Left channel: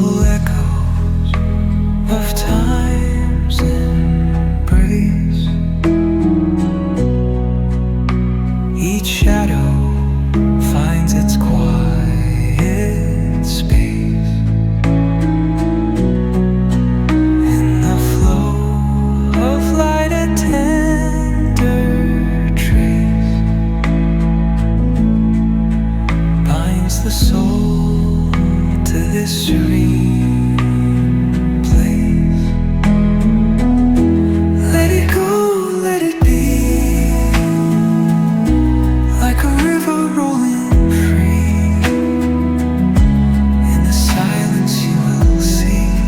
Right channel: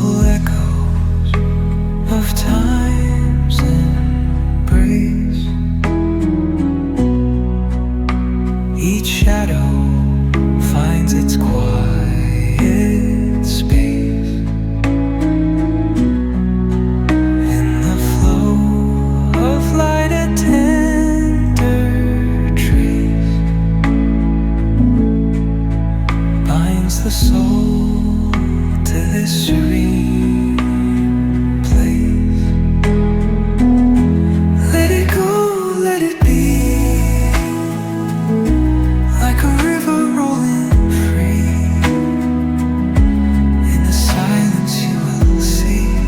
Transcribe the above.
full echoes of time's embrace. Each shadow finds its quiet space in the flow of light, a tender trace binds the soul to this serene place. Let it go, let it be, like a river rolling free. In the silence you will see